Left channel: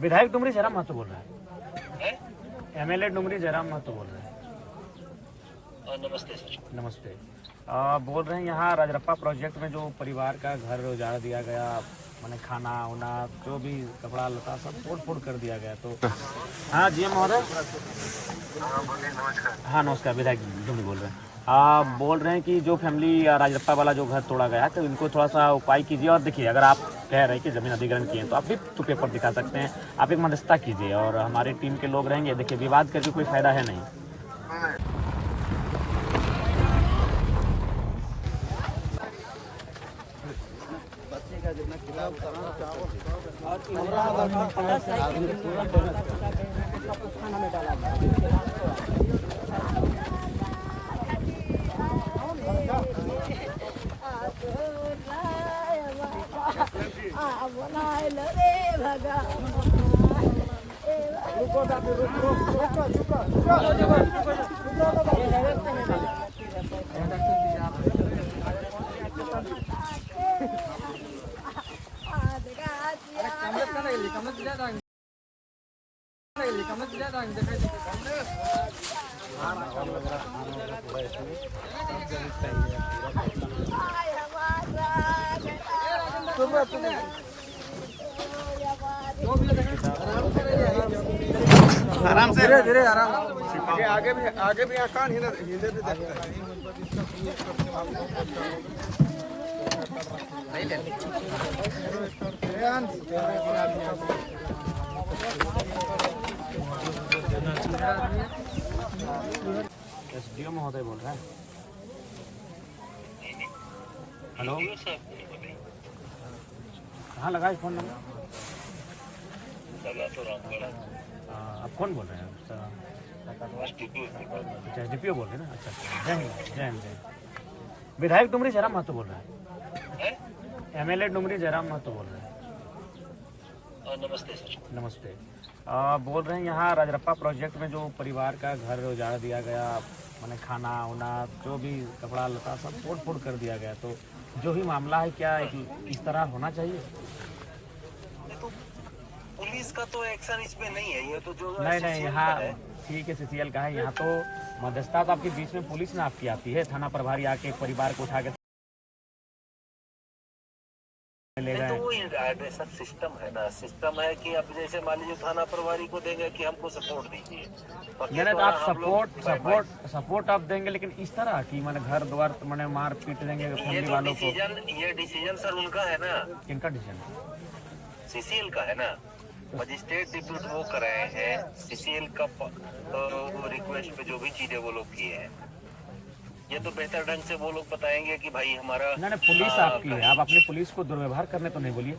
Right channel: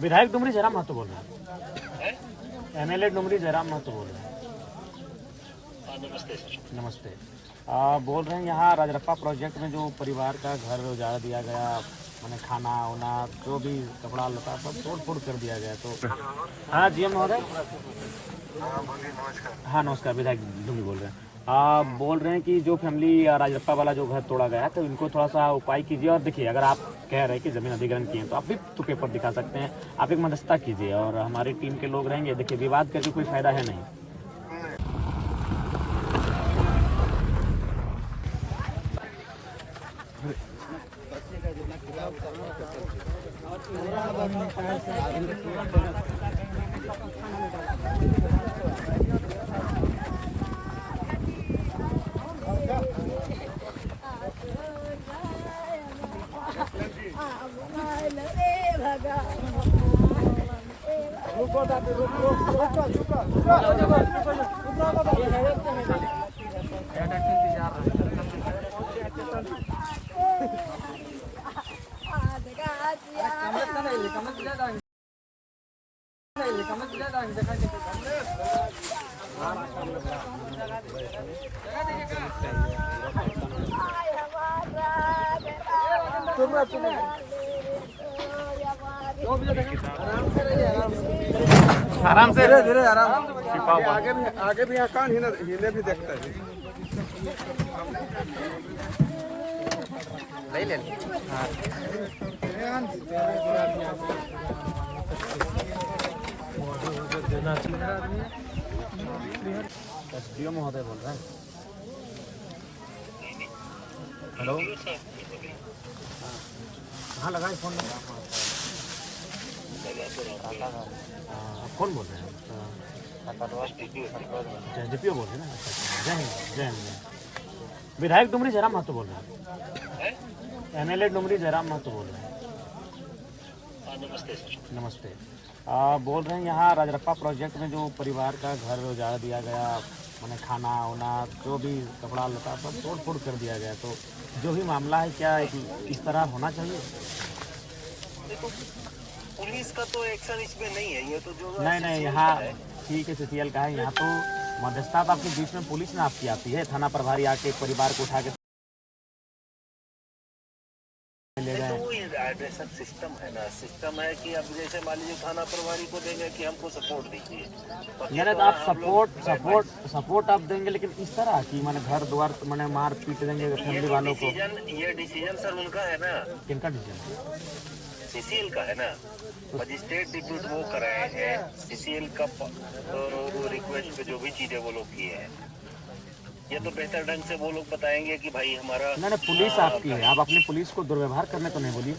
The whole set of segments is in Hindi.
विधायक डुमरी जयराम महतो बोल रहे हैं। एमएलए डुमरी जयराम महतो बोल रहे हैं। नमस्ते सर। नमस्ते। बोल रहे हैं यहाँ राजरप्पा प्रोजेक्ट में जो परिवार का घर उजाड़ दिया गया, मैंने खाना वाना जो भी कपड़ा लता सब तोड़ फोड़ कर दिया गया, तो हाँ जी महोदय। हाँ नमस्कार, विधायक डुमरी बोल रहे हैं। बोल रहे हैं कि जो फैमिली राजरप्पा वाला जो घर तोड़ा गया तो इनको थोड़ा सा उपाय कीजिए। और देखिए, अगर आप कह रहे हैं कि ज़मीन अधिग्रहण किए हैं तो आप भी तो पेपर दिखा सकते हैं, आप एक मध्यस्थता कीजिए और हमारी टीम के लोग रहेंगे। देखिए, विवाद करके कोई फायदा है नहीं। आराम से, धीरे धीरे आराम। आगे भी आकान हिले भी देखता है। ले एसडीओ महोदय बोल रहे हैं। हेलो, हाँ लगाए फोन नंबर। आप कौन बोल रहे हैं? अच्छा एसडीपीओ बोल रहे हैं ना। अच्छा, जय हिंद जय हिंद। विधायक डुमरी जयराम महतो बोल रहे हैं। एमएलए डुमरी जयराम महतो बोल रहे हैं। नमस्ते सर। नमस्ते। बोल रहे हैं यहाँ राजरप्पा प्रोजेक्ट में जो परिवार का घर उजाड़ दिया गया, मैंने खाना वाना जो भी कपड़ा लता सब तोड़ फोड़ कर दिया गया, तो जो भी मामला है क्या इस तरह होना चाहिए? देखो, पुलिस का तो एक्शन इसमें नहीं है, ये तो जो नहीं यहाँ ठीक है, सीसीएल का है। यहाँ तो मध्यस्थता तो आपके बीच में पुलिस में आपकी आती है, थाना प्रभारी आके परिवार को उठा के ले गए। तो वो सब सिस्टम है ना, सिस्टम है कि अब जैसे मान लीजिए थाना प्रभारी को देंगे कि हमको सपोर्ट दीजिए, नहीं तो आप सपोर्ट आप देंगे, लेकिन इस तरह की मैंने घर द्वार मैंने मार पीट देंगे फैमिली वालों को। ये डिसीजन सर उनका है ना। किनका डिसीजन? सीसीएल का है ना। मजिस्ट्रेट डिप्यूट वो कराए हैं, सीसीएल का रिक्वेस्ट पे जो भी चीजें वो लोग किए हैं, ये तो बेहतर ढंग से वो लोग बताएंगे कि भाई हमारा। नहीं पुलिस आपकी है, आप अपनी पुलिस को दुर्व्यवहार करने को नहीं बोलिए।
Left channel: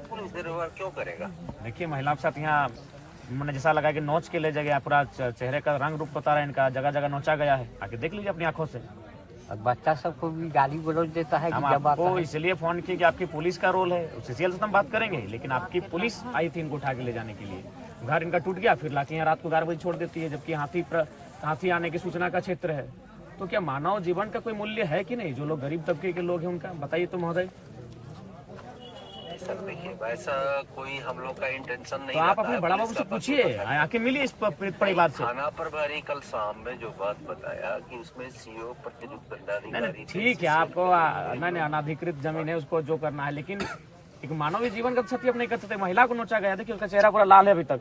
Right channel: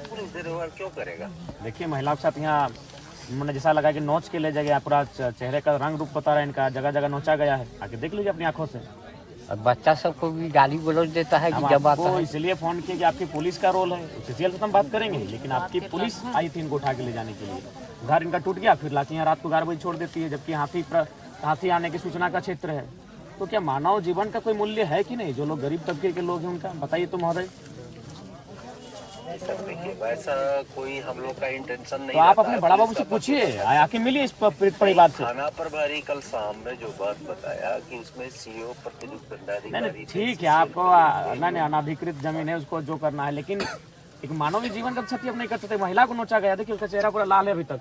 पुलिस दुर्व्यवहार क्यों करेगा? देखिए, महिलाओं के साथ यहाँ मैंने जैसा लगा कि नोच के ले जाएगा, पूरा चेहरे का रंग रूप बता रहा है इनका, जगह जगह नोचा गया है। आके देख लीजिए अपनी आंखों से। बच्चा सबको भी गाली गलौज देता है। हम आपको इसलिए फोन किए कि आपकी पुलिस का रोल है, सीसीएल से तो हम बात करेंगे, लेकिन आपकी पुलिस आई थी इनको उठा के ले जाने के लिए। घर इनका टूट गया, फिर लाके यहाँ रात को 11 बजे छोड़ देती है, जबकि हाथी आने की सूचना का क्षेत्र है। तो क्या मानव जीवन का कोई मूल्य है कि नहीं? जो लोग गरीब तबके के लोग हैं उनका बताइए तो महोदय। देखिए, वैसा कोई हम लोग का इंटेंशन नहीं। तो आप अपने बड़ा बाबू से पूछिए, आके मिलिए इस परिवार से। थाना प्रभारी कल शाम में जो बात बताया कि उसमें सीओ प्रतिनियुक्त दंडाधिकारी। ठीक है, आपको नहीं अनाधिकृत जमीन है, उसको जो करना है, लेकिन एक मानवीय जीवन का क्षति आप नहीं कर सकते। महिला को नोचा गया, देखिए उसका चेहरा पूरा लाल है अभी तक।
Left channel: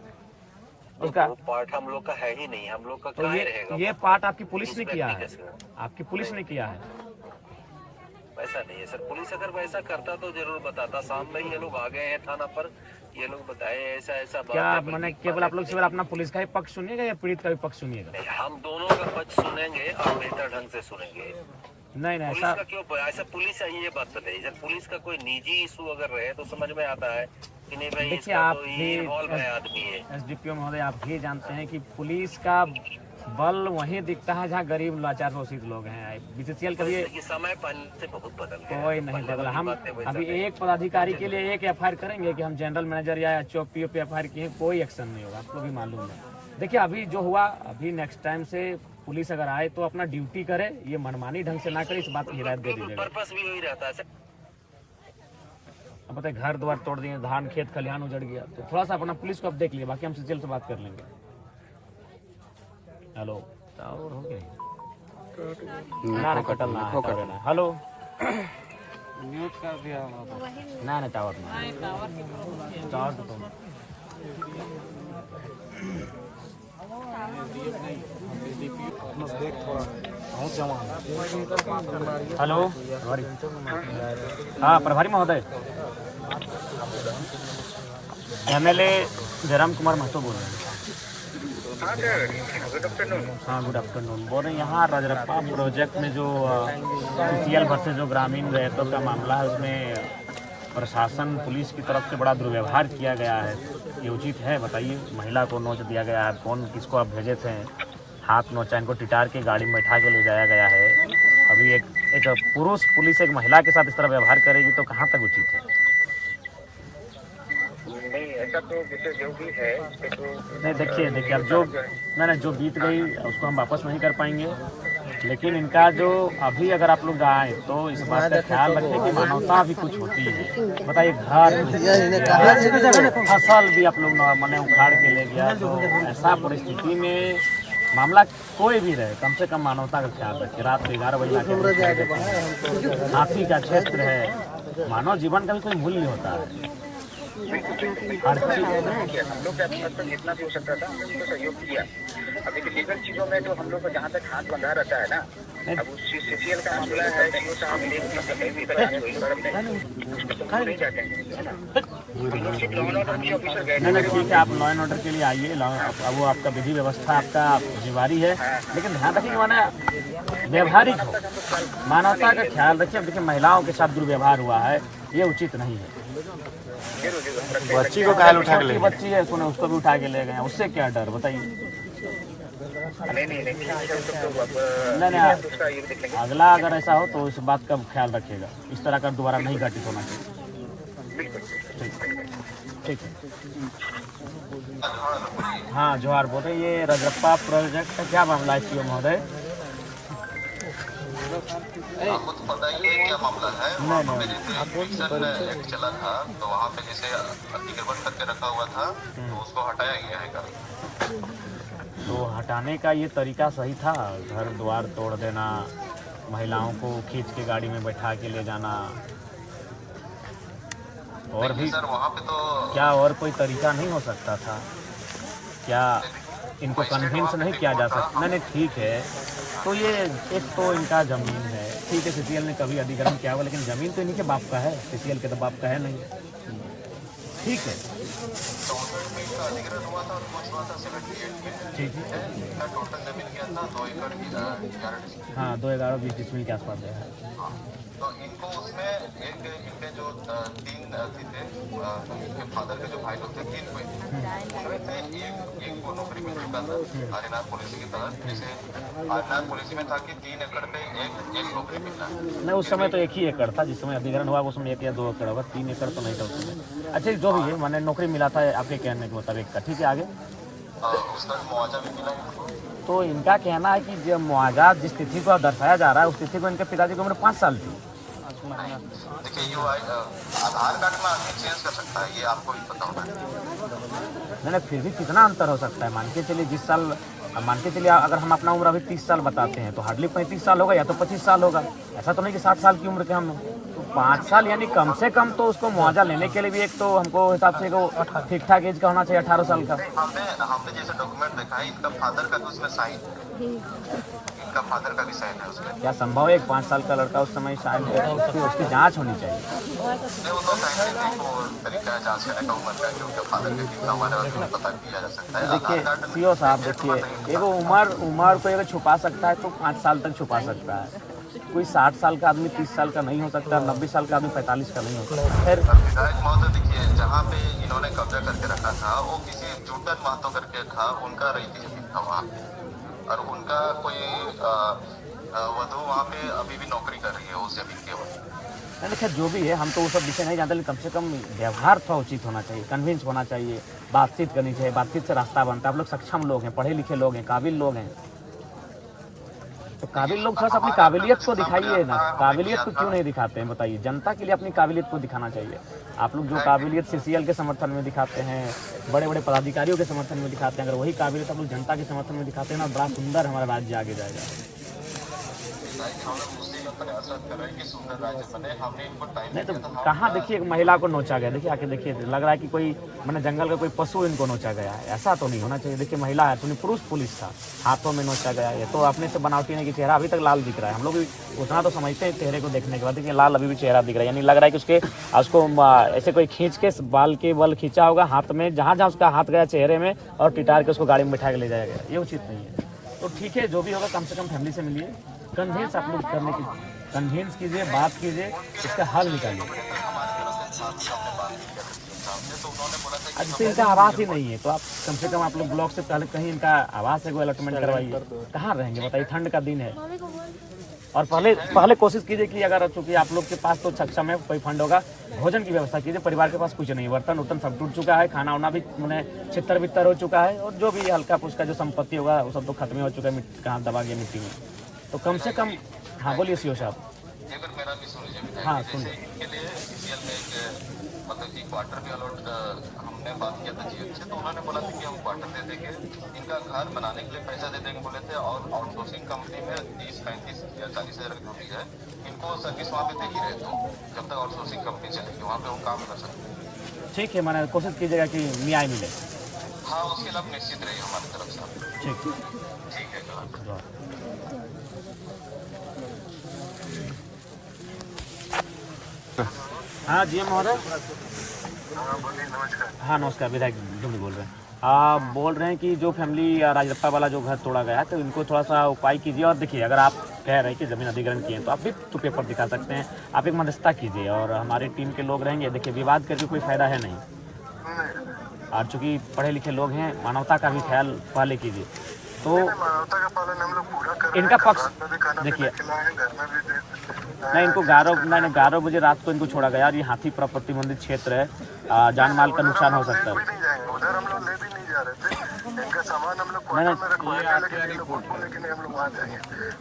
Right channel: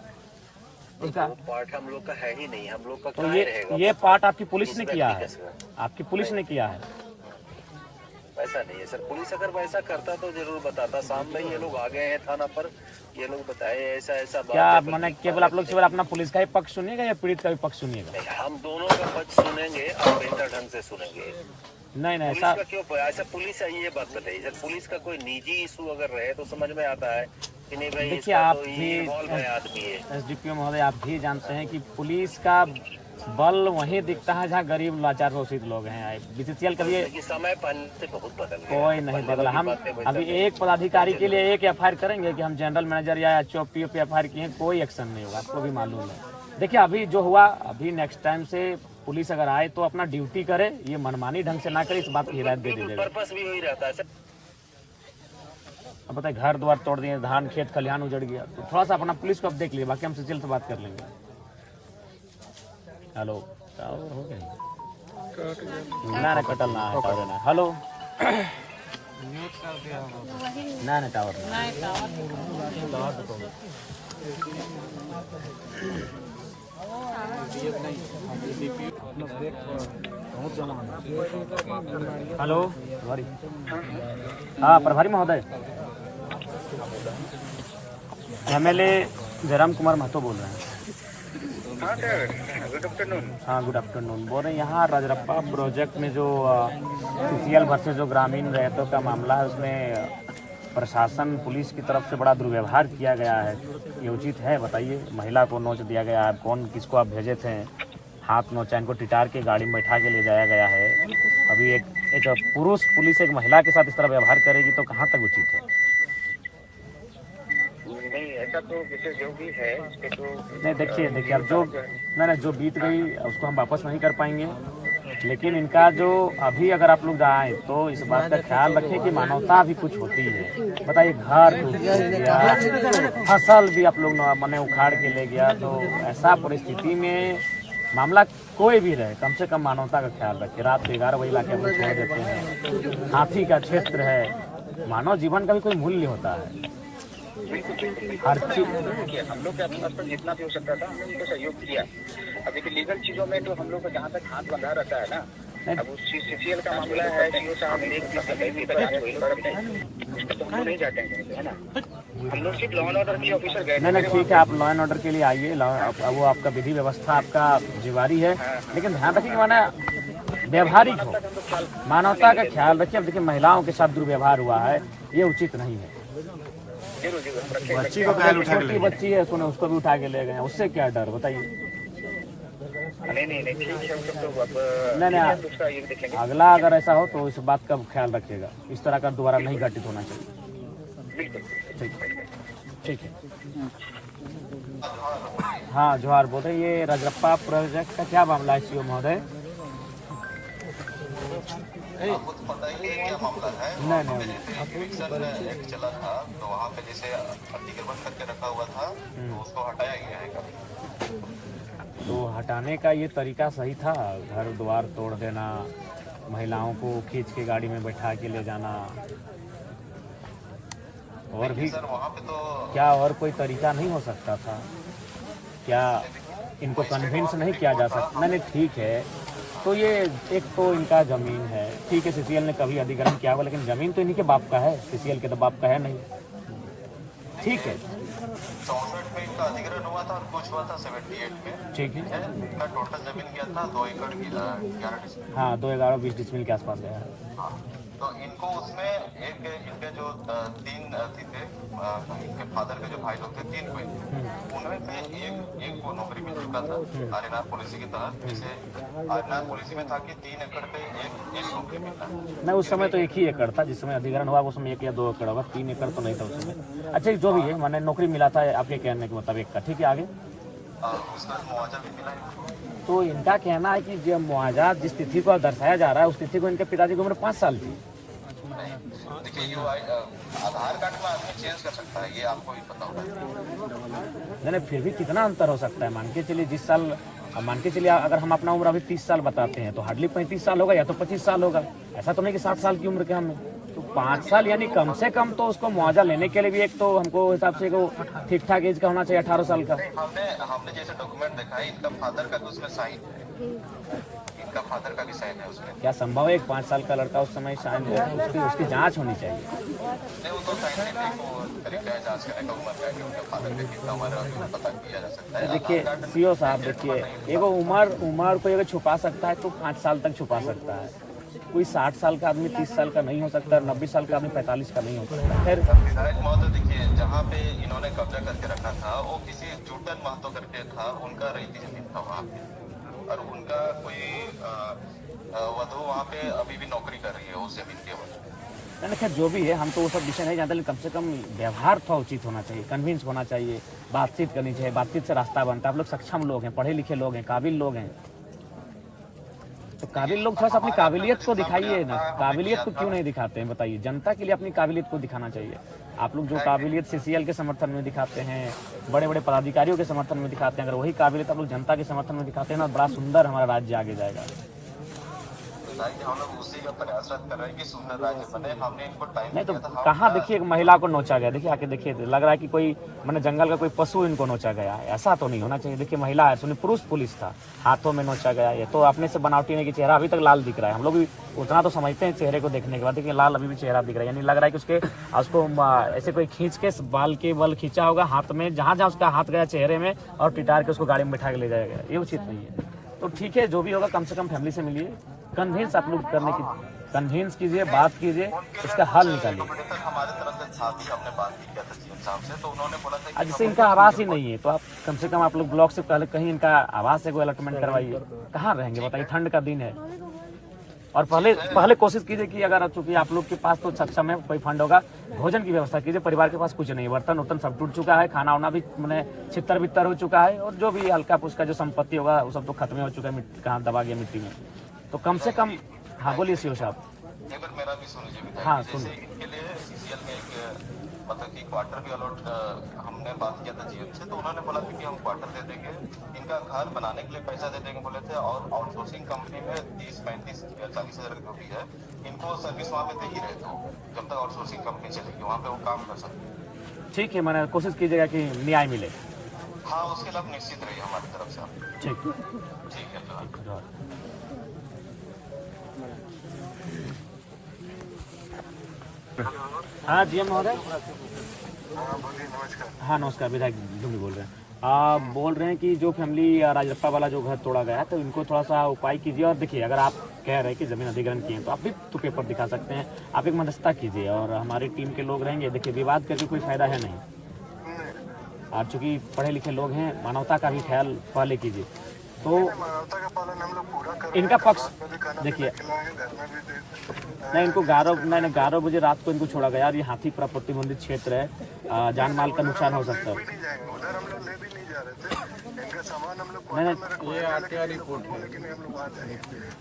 उसका वो पार्ट हम लोग का है ही नहीं, हम लोग का तो ये पार्ट आपकी पुलिस ने किया है, आपकी पुलिस ने किया है। वैसा नहीं है सर, पुलिस अगर वैसा करता तो जरूर बताता। शाम में ये लोग आ गए हैं थाना पर, ये लोग बताए ऐसा ऐसा बात। क्या मैंने केवल आप लोग केवल अपना पुलिस का ही पक्ष सुनिएगा या पीड़ित का भी पक्ष सुनिएगा? हम दोनों का पक्ष सुनेंगे और बेहतर ढंग से सुनेंगे। नहीं ऐसा क्यों ऐसा पुलिस है, ये बात बताइए सर। पुलिस का कोई निजी इशू अगर रहे तो समझ में आता है कि नहीं भाई। देखिए, आप भी आदमी है एसडीपीओ महोदय, आप भी जानते हैं कि पुलिस का बल वहीं दिखता है जहाँ गरीब लाचार शोषित लोग हैं। बीसीसीएल का भी समय पहले से बहुत बदल गया, कोई नहीं बदला। हम अभी एक पदाधिकारी के लिए एक एफआईआर करेंगे कि हम जनरल मैनेजर या चौपीओ पे एफआईआर किए, कोई एक्शन नहीं होगा, आपको भी मालूम है। देखिए, अभी जो हुआ, अभी नेक्स्ट टाइम से पुलिस अगर आए तो अपना ड्यूटी करे, ये मनमानी ढंग से ना करे, इस बात की हिदायत दे दीजिएगा। पर्पस भी वही रहता है सर। अब बताइए घर द्वार तोड़ दिए, धान खेत खलिहान उजड़ गया, तो थोड़ा सा अपना पुलिस को अब देख लिए, बाकी हम सीसीएल से बात कर लेंगे। हेलो, टावर हो गया ना कटल ना है टावर ना। हेलो ना टावर ना टावर तो हेलो प्रभारी, हाँ प्रभारी महोदय, एमएलए जयराम कुमार महतो बोल रहे हैं। हाँ गुड आफ्टरनून। बोल रहे हैं यहाँ रजरप्पा प्रोजेक्ट में जो सीसीएल वर्सेस जो ग्रामीण रैयतों का मामला है, उसमें प्रशासन पुलिस की तरफ से बड़ा दुर्व्यवहार किया गया है, ये उचित है? बताइए। महिला को नोच दिया गया है, कौन किसको आप भेजे थे, हाथ नोचा, इनको टिटार के गाड़ी में बैठा के ले जाया गया है। अभी एक पुरुष पुलिस एक महिला के साथ इस तरह व्यवहार करेगी तो कहाँ तक उचित है? नहीं, ऐसा तो जो भी है तो नहीं देखिए अब जो जो बीत गई उसको हम वापस नहीं कर पाएंगे, लेकिन इनका जो अभी अगर आप लोग आए तो इस बात का ख्याल रखें कि मानवता भी कुछ होती है। बताइए, घर टूट गया, फसल भी आप लोग मैंने उखाड़ के ले गया, तो ऐसा परिस्थिति में मामला कोई भी रहे, कम से कम मानवता का ख्याल रखें। रात को 11 बजे लाके हम लोग छोड़ देते हैं, हाथी का क्षेत्र है, मानव जीवन का भी कोई मूल्य होता है। हर चीज हम लोग के जितना भी हो सकता था हमने उनको सहयोग किया। अब देखिए लीगल चीजों में तो हम लोग को जहाँ तक हाथ बंधा रहता है ना, अब उस सीसीएल का मामला है, सीओ साहब नहीं जाते हैं, है ना। हम लोग सिर्फ लॉ एंड ऑर्डर के ऑफिसर गए। नहीं ठीक है, आप लॉ एंड ऑर्डर के लिए आइए, वो आपका विधि व्यवस्था आपका जिम्मेवारी है, लेकिन ध्यान रखिए माना व्यवहारिक हो, मानवता का ख्याल रखिए। अब देखिए महिलाओं के साथ दुर्व्यवहार हुआ है, ये उचित नहीं है। बच्ची को काहे उठा के ले गए? बच्ची है उसको भी उठा के ले गए, उससे क्या डर? बताइए। नहीं, अगला अगर ऐसा हो तो इस बात का ख्याल रखिएगा, इस तरह का दोबारा नहीं घटित होना चाहिए। ठीक है। हाँ जोहार। बोले ये रजरप्पा प्रोजेक्ट का क्या मामला है सीओ महोदय? आपको तो पता ही है क्या मामला है। वहाँ पे जैसे इविक्शन एक्ट चला था, तो वहाँ पे जैसे अतिक्रमण करके रखा हुआ था, तो उसको हटाया गया है कल। तो हटाने का ये तरीका सही था? घर द्वार तोड़ देना, महिलाओं को खींच के गाड़ी में बैठा के ले जाना, और भी सर वहाँ पे तो क्या और कोई तरीका नहीं हो सकता था? क्या इनको कन्विंस नहीं किया जा सकता? नहीं ठीक है, तो ये एक तो इनका ज़मीन है, ठीक है, सीसीएल ने कभी अधिग्रहण किया हुआ, लेकिन ज़मीन तो इन्हीं के बाप का है, सीसीएल के तो बाप का है नहीं। ठीक है, 64 में इसका अधिग्रहण हुआ था और कुछ हुआ था 78 में। ठीक है, इनका टोटल जमीन क्या था 2 एकड़ की 11 डिस्ट्रिक्ट। हाँ 2-11-20 डिसमिल के आसपास है। हाँ, तो इनको उसमें एक इनके जो 3 अथी थे, इनके फादर के जो भाई लोग थे 3 कोई, उनमें से एक को नौकरी मिल चुका था आर्यनाथ पॉलिसी के तहत। जैसे आर्यनाथ पॉलिसी में था कि 3 एकड़ पे एक नौकरी मिलना। नहीं उस समय तो 1 ही एकड़ था, जिस समय अधिग्रहण हुआ उस समय 1 या 2 एकड़ होगा, 3 एकड़ तो नहीं था उस समय। अच्छा जो भी है, मैंने नौकरी मिला था आपके कहने के मुताबिक का, ठीक है आगे। उसका मुआवजा भी मिला इनको। तो इनका कहना है कि जो मुआवजा जिस तिथि को दर्शाया जा रहा है, उस तिथि को इनके पिताजी की उम्र 5 साल थी। नहीं देखिए, ये आधार कार्ड में आदमी चेंज कर सकता है, ये आपको भी पता होना चाहिए। नहीं फिर भी कितना अंतर हो सकता है? मान के चलिए जिस साल, मान के चलिए अगर हम अपना उम्र अभी 30 साल बताते हैं, तो हार्डली 35 साल होगा या तो 25 साल होगा। ऐसा तो नहीं कि 60 साल की उम्र के हम, तो 5 साल यानी कम से कम तो उसको मुआवजा लेने के लिए भी एक तो हमको हिसाब से ठीक ठाक एज का होना चाहिए, 18 साल का। हमने जैसे डॉक्यूमेंट देखा है, इनका फादर का तो उसमें साइन, इनका फादर का भी साइन है उसमें। क्या संभव है 5 साल का लड़का उस समय साइन, उसकी जांच होनी चाहिए। नहीं वो तो साइंटिफिक तरीका है जांच करने का उम्र का, कि उनके फादर के कितना हमारे पास पता किया जा सकता है। देखिए सीओ साहब, देखिए एगो उम्र को अगर छुपा सकता है तो 5 साल तक छुपा सकता है। कोई 60 साल का आदमी 30 साल का नहीं हो सकता, 90 साल का आदमी 45 का नहीं हो सकता। खैर विधायक महोदय देखिए, जहाँ पे इन्होंने कब्जा करके रखा था वो किसी जूटन महतो करके था, उनका रईती जमीन था वहाँ पे, और उनका कोई वधु वहाँ पे अभी भी नौकरी कर रही है उस जमीन के ऊपर। मैंने खैर जो भी है, हम तो वो सब विषय नहीं जानते, लेकिन कम से कम व्यवहार थोड़ा उचित होना चाहिए, कन्विंस होना चाहिए, बातचीत करनी चाहिए, बातचीत से रास्ता बनता है। आप लोग सक्षम लोग हैं, पढ़े लिखे लोग हैं, काबिल लोग हैं, तो काबिल लोग थोड़ा सा अपनी काबिलियत को दिखाइए ना। काबिलियत को क्यों नहीं दिखाते हैं बताइए? जनता के लिए अपनी काबिलियत को दिखाना चाहिए। आप लोग जो काबिलियत सीसीएल के समर्थन में दिखाते हैं, बड़े बड़े पदाधिकारियों के समर्थन में दिखाते हैं, अगर वही काबिलियत आप लोग जनता के समर्थन में दिखाते हैं ना, बड़ा सुंदर हमारा राज्य आगे जाएगा। हम लोग उसी का प्रयासरत कर रहे हैं कि सुंदर राज्य बने। हमने इनको टाइम नहीं तो कहाँ देखिए एक महिला को नोचा गया, देखिए आके देखिए, लग रहा है कि कोई मैंने जंगल का कोई पशु इनको नोचा गया है। ऐसा तो नहीं होना चाहिए। देखिए महिला है, सुनिए पुरुष पुलिस था, हाथों में नोचा गया। ये तो अपने से बनावटी नहीं कि चेहरा अभी तक लाल दिख रहा है। हम लोग भी उतना तो समझते हैं चेहरे को देखने के बाद, देखिए लाल अभी भी चेहरा दिख रहा है, यानी लग रहा है कि उसको ऐसे कोई खींच के बाल के बल खींचा होगा हाथ में, जहाँ जहाँ उसका हाथ गया चेहरे में, और टिटार के उसको गाड़ी में बैठा के ले जाया गया। ये उचित नहीं है। तो ठीक है, जो भी होगा कम से कम फैमिली से मिलिए, कन्विंस आप लोग करने की कन्विंस कीजिए, बात कीजिए, इसका हल निकालिए। हमारे तरफ से साहब से हमने बात की साहब से, तो उन्होंने बोला था कि जैसे इनका आवास ही नहीं है, तो आप कम से कम आप लोग ब्लॉक से पहले कहीं इनका आवास है, कोई अलॉटमेंट करवाइए। कहाँ रहेंगे बताइए, ठंड का दिन है। और पहले कोशिश कीजिए कि अगर चूंकि आप लोग के पास तो सक्षम है, कोई फंड होगा, भोजन की व्यवस्था कीजिए। परिवार के पास कुछ नहीं है, बर्तन उर्तन सब टूट चुका है, खाना वाना भी मैंने छितर बितर हो चुका है, और जो भी हल्का फुल्का जो संपत्ति होगा वो सब तो खत्म हो चुका है, कहाँ दबा गया मिट्टी में। तो कम से कम, हाँ बोलिए सीओ साहब। एक बार मेरा भी सुन लीजिए विधायक। हाँ, जैसे इनके लिए सीसीएल में एक मतलब कि क्वार्टर भी अलॉट हमने बात किया था जीएम से, तो उन्होंने बोला था कि हम क्वार्टर दे देंगे, इनका घर बनाने के लिए पैसा दे देंगे बोले थे, और आउटसोर्सिंग कंपनी में 30, 35 या 40 हज़ार जो भी है, इनको सर्विस वहाँ पे दे ही रहे। तो जब तक आउटसोर्सिंग कंपनी चलेगी वहाँ पे वो काम कर सकते हैं। ठीक है, मैंने कोशिश कीजिएगा कि न्याय मिले। हाँ, उसके लिए आप निश्चित रहिए हमारी तरफ से। ठीक है है। हाँ जीएम महोदय। हाँ नमस्कार, विधायक ढूंढी बोल रहे हैं। आप बोल रहे हैं कि जो फैमिली राजरप्पा वाला जो घर तोड़ा गया है, तो इनको थोड़ा सा उपाय कीजिए। और देखिए, अगर आप कह रहे हैं कि ज़मीन अधिग्रहण किए हैं, तो आप भी तो पेपर दिखा सकते हैं। आप एक मध्यस्थता कीजिए, और हमारी टीम के लोग रहेंगे। देखिए, विवाद करके कोई फायदा है नहीं, और चूँकि पढ़े लिखे लोग हैं, मानवता का भी ख्याल पहले कीजिए। तो मानवता का पालन हम लोग पूरा कर रहे हैं। इनका पक्ष देखिए, देखिए, नहीं इनको 11 बजे रात को इनको छोड़ा गया, और ये हाथी प्रतिबंधित क्षेत्र है, जान माल का नुकसान हो सकता है। उधर हम लोग ले भी नहीं जा रहे थे। इनका सामान हम लोग क्वार्टर में रखवाया, लेकिन हम लोग वहाँ जाएंगे,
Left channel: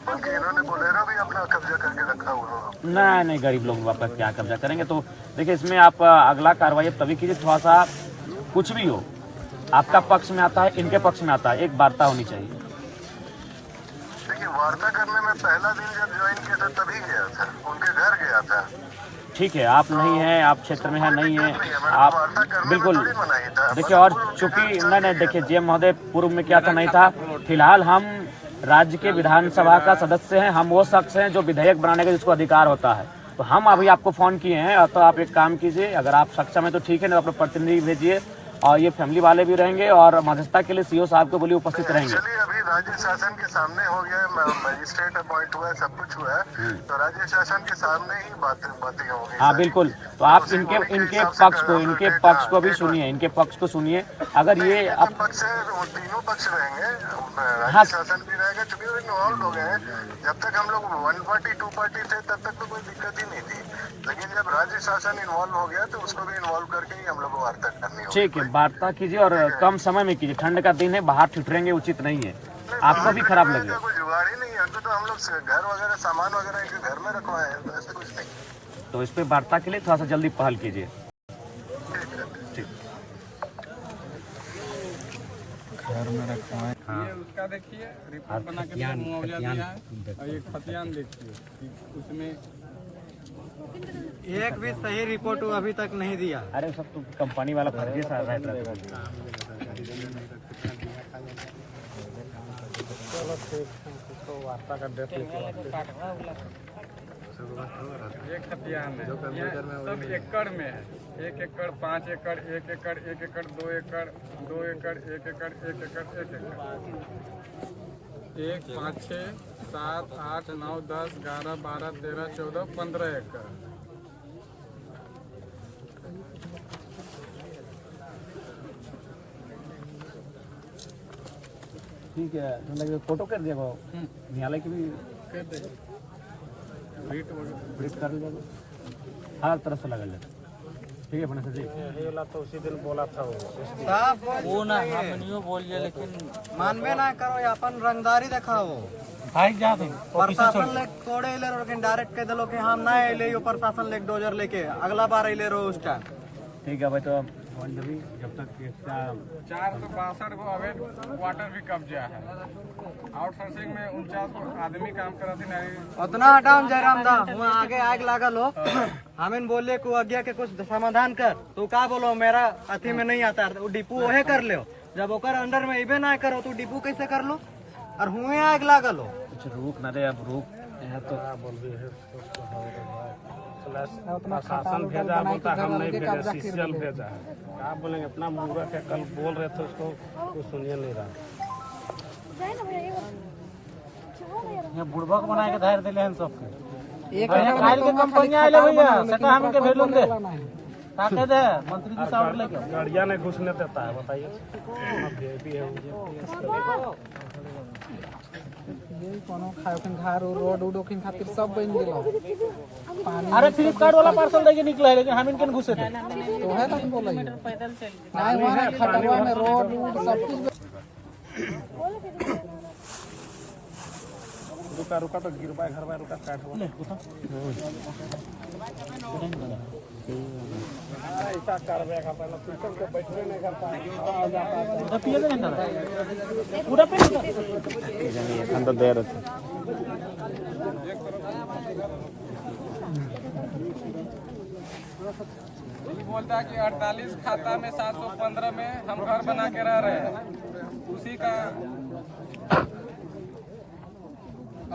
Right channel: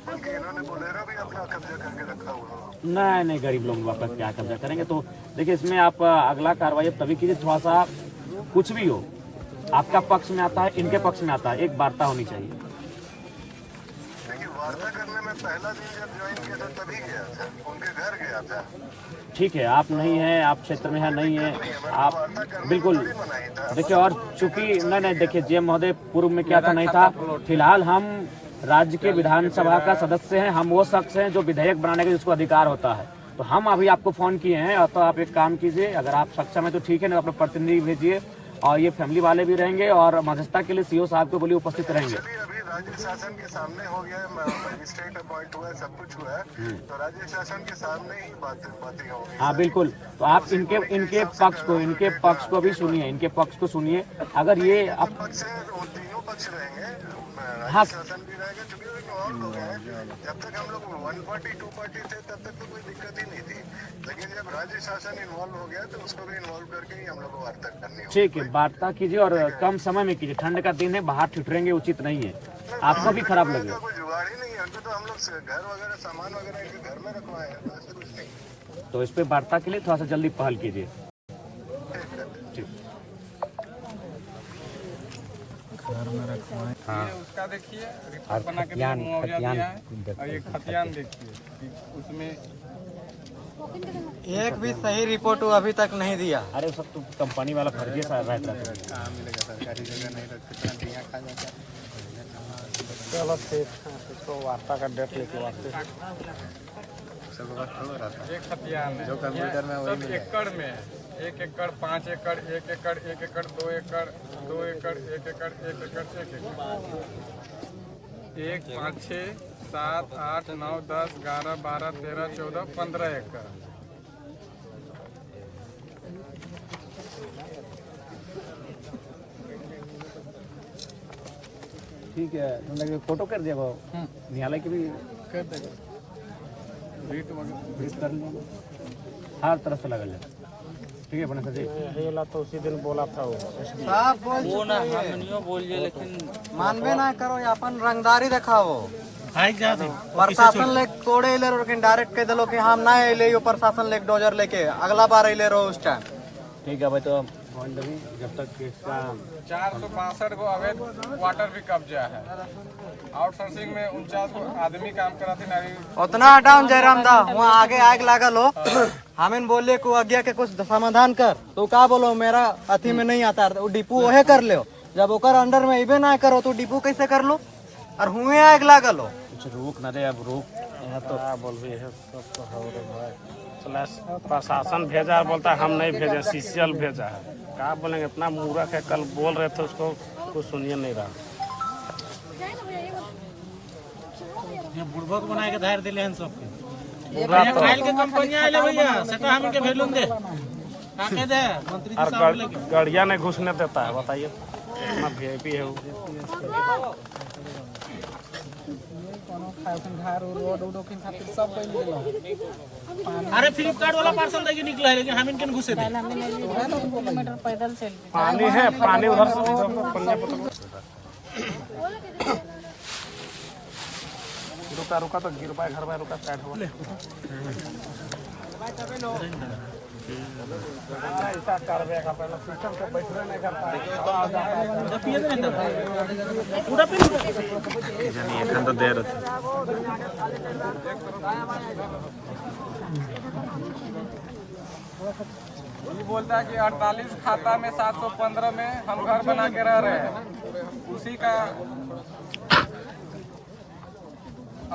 बल्कि इन्होंने बोलेरो भी अपना कब्जा करके रखा हुआ। नहीं, गरीब लोग आपका क्या कब्जा करेंगे। तो देखिए, इसमें आप अगला कार्रवाई तभी कीजिए, थोड़ा सा कुछ भी हो, आपका पक्ष में आता है, इनके पक्ष में आता है, एक वार्ता होनी चाहिए। देखिए, वार्ता करने में पहला दिन जब ज्वाइन किया था तभी गया था, उनके घर गया था। ठीक है, आप नहीं हैं, आप क्षेत्र में है नहीं है, आप बिल्कुल देखिए। और चूंकि नहीं देखिए जीएम महोदय, पूर्व में क्या था नहीं था। फिलहाल हम राज्य के विधानसभा का सदस्य हैं, हम वो शख्स हैं जो विधेयक बनाने का जिसको अधिकार होता है। तो हम अभी आपको फोन किए हैं, तो आप एक काम कीजिए, अगर आप सक्षम है तो ठीक है, नहीं अपने प्रतिनिधि भेजिए, और ये फैमिली वाले भी रहेंगे, और मध्यस्थता के लिए सीओ साहब को बोलिए उपस्थित रहेंगे। अभी राज्य शासन के सामने हो गया है, मजिस्ट्रेट अपॉइंट हुआ है, सब कुछ हुआ है, तो राज्य शासन के सामने ही बातें होंगी। हाँ बिल्कुल, तो आप इनके पक्ष को भी सुनिए, इनके पक्ष को सुनिए। अगर ये अब पक्ष तीनों पक्ष रहेंगे, हाँ, राज्य शासन भी रहेगा, क्योंकि वो इन्वॉल्व हो गए हैं। जब तक हम लोग 1 पार्टी 2 पार्टी थे, तब तक तो कोई दिक्कत ही नहीं थी, लेकिन जब राज्य शासन इन्वॉल्व हो गया तो उसको भी इन्वॉल्व करके ही हम लोग को वार्ता करनी होगी। ठीक है, वार्ता कीजिए, और कम समय में कीजिए। ठंड का दिन है, बाहर ठिठुरेंगे उचित नहीं है, आपको भी खराब लगेगा। कोई जुगाड़ ही नहीं है, तो हम लोग घर वगैरह सामान वगैरह इनके घर में रखवाए हैं, तो ऐसे कुछ नहीं। तो इस पे वार्ता के लिए थोड़ा सा जल्दी पहल कीजिए। ठीक। उसका देखिए, रिपोर्ट बना के मुआवजा दिया है, और ये खतियान देखिए, उसमें एक भी सही रिपोर्ट वो अभी तक नहीं दिया। अरे सब तो कंपनी वाला फर्जी सा रहता है। कहाँ मिलेगा, सरकारी जगह नहीं तो कितना दिया खा जाता। चलो ठीक, उसको वार्ता का डेट एक खतियान जो कंप्यूटर में सब एकड़ में, 1 एकड़, 5 एकड़, 1 एकड़, 1 एकड़, 2 एकड़, 2 एकड़, 1 एकड़, 1 एकड़, 1 5 6 7 8 9 10 11 12 13 14 15 एकड़। ठीक है, फोटो कर दिया न्यायालय के भी कर लिया, हर तरफ से लगल जाए। ठीक है बने सर जी, तो उसी दिन बोला था वो ना हम नहीं बोलिए, लेकिन मानबे ना करो, अपन रंगदारी दिखाओ। प्रशासन ले तोड़े ले, लेकिन डायरेक्ट कह दिलो कि हम ना ले, प्रशासन ले डोजर लेके अगला बार ले रहो उस टाइम। ठीक है भाई, तो बॉन्ड भी जब तक इसका 462 को अवैध वाटर भी कब्जा है। आउटसोर्सिंग में 49 को आदमी काम करा थी नारी। उतना हटाओ जयराम दा, वहाँ आगे आग लागल हो। हमें बोले को आज्ञा के कुछ समाधान कर, तो का बोलो मेरा अथी में नहीं आता, वो डिपू ओहे कर लो। जब ओकर अंडर में इबे ना करो तो डिपू कैसे कर लो, और हुए आग लागल हो। कुछ रुक न रे, अब रुक यहाँ तो बोलबी है तो प्रशासन भेजा, बोलता हम नहीं भेजे, सीसीएल भेजा है। क्या बोलेंगे, इतना मूर्ख है। कल बोल रहे थे उसको, कुछ सुनिए नहीं रहा। बुढ़बक बना के धार दिले हैं सबके। खाइल के कंपनी आए भैया, सेटा हम इनके भेलून दे का कह दे मंत्री जी साहब लेके गड़िया नहीं घुसने देता है, बताइए इतना वीआईपी है वो। अरे फ्लिपकार्ट वाला पार्सल देके निकला है, लेकिन हम इनके घुसे थे। पानी है, पानी उधर से रुका रुका तो गिर पाए घर में, रुका साइड हो पूरा जानी एखन तो दे रहे ये बोलता है कि 48 खाता में 715 में हम घर बना के रह रहे हैं। उसी का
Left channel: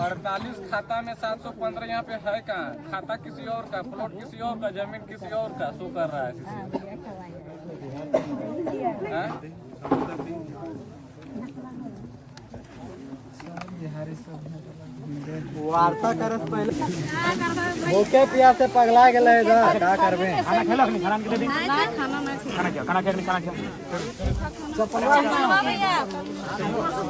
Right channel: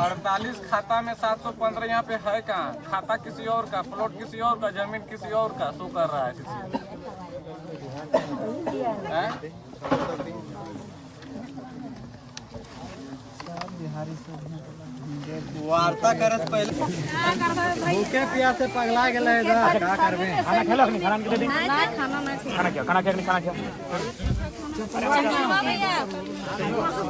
48 खाता में 715 यहाँ पे है कहाँ? खाता किसी और का, प्लॉट किसी और का, जमीन किसी और का शो कर रहा है किसी। वार्ता करस पहले भूखे प्यास से पगला गए का करबे। खाना खेलो, खाना दे दी, खाना क्या, खाना क्या, खाना क्या।